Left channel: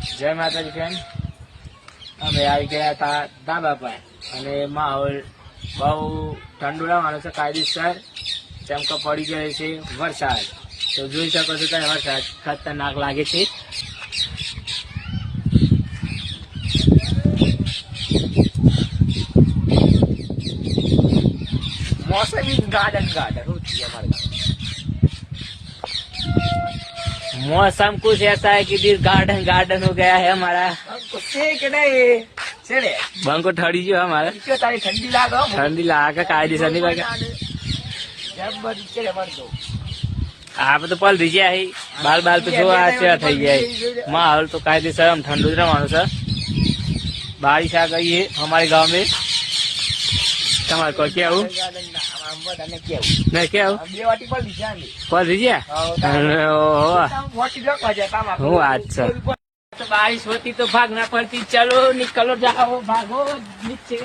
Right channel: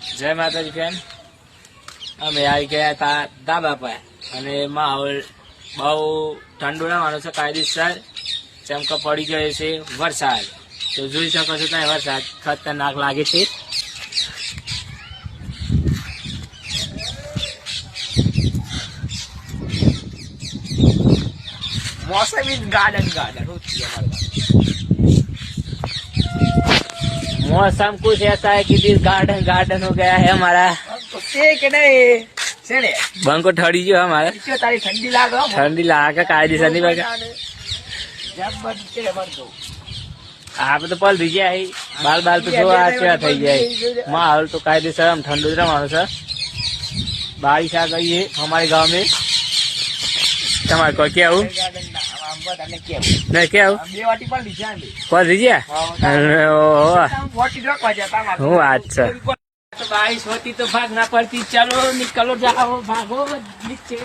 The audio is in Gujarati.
જય માતાજી ફ્રેન્ડ, અમે આવી ગયા હતા ધાબા પર અને માહોલ બહુ ઠંડુ રહેવાનો છે કાયદેસર, જેમ કે પડી ગયો છે વરસાદ. તો જોઈ શકો છો ત્યાં વરસાદ ખતરનાક લાગે છે. मौसम इज गार्डन गार्डन होती है हमारे मौसम कुछ ऐसा है कि दिल गार्डन गार्डन हो गया है हमारा. બંકો ઠરી ગયો हमारा. तारी ठंडी लागो ઠંડી લાગે કાયદેસર ની ભાગે. આપડે તો પલ થઈ ગયા બાલ બાલ તો જોવા કેવા થઈ ગયા. માહોલ તો કાયદેસર આમ ઠંડુ જ રહેવાનું છે. बारिश आ गई है हमारे गांव में. તમારે કોઈ કેવું નહીં કેવું પલ થઈ ગયા. હું વાત છે. बारिश होती तो भागना पड़ती. चलो निकलो जाओ भागो नीचे.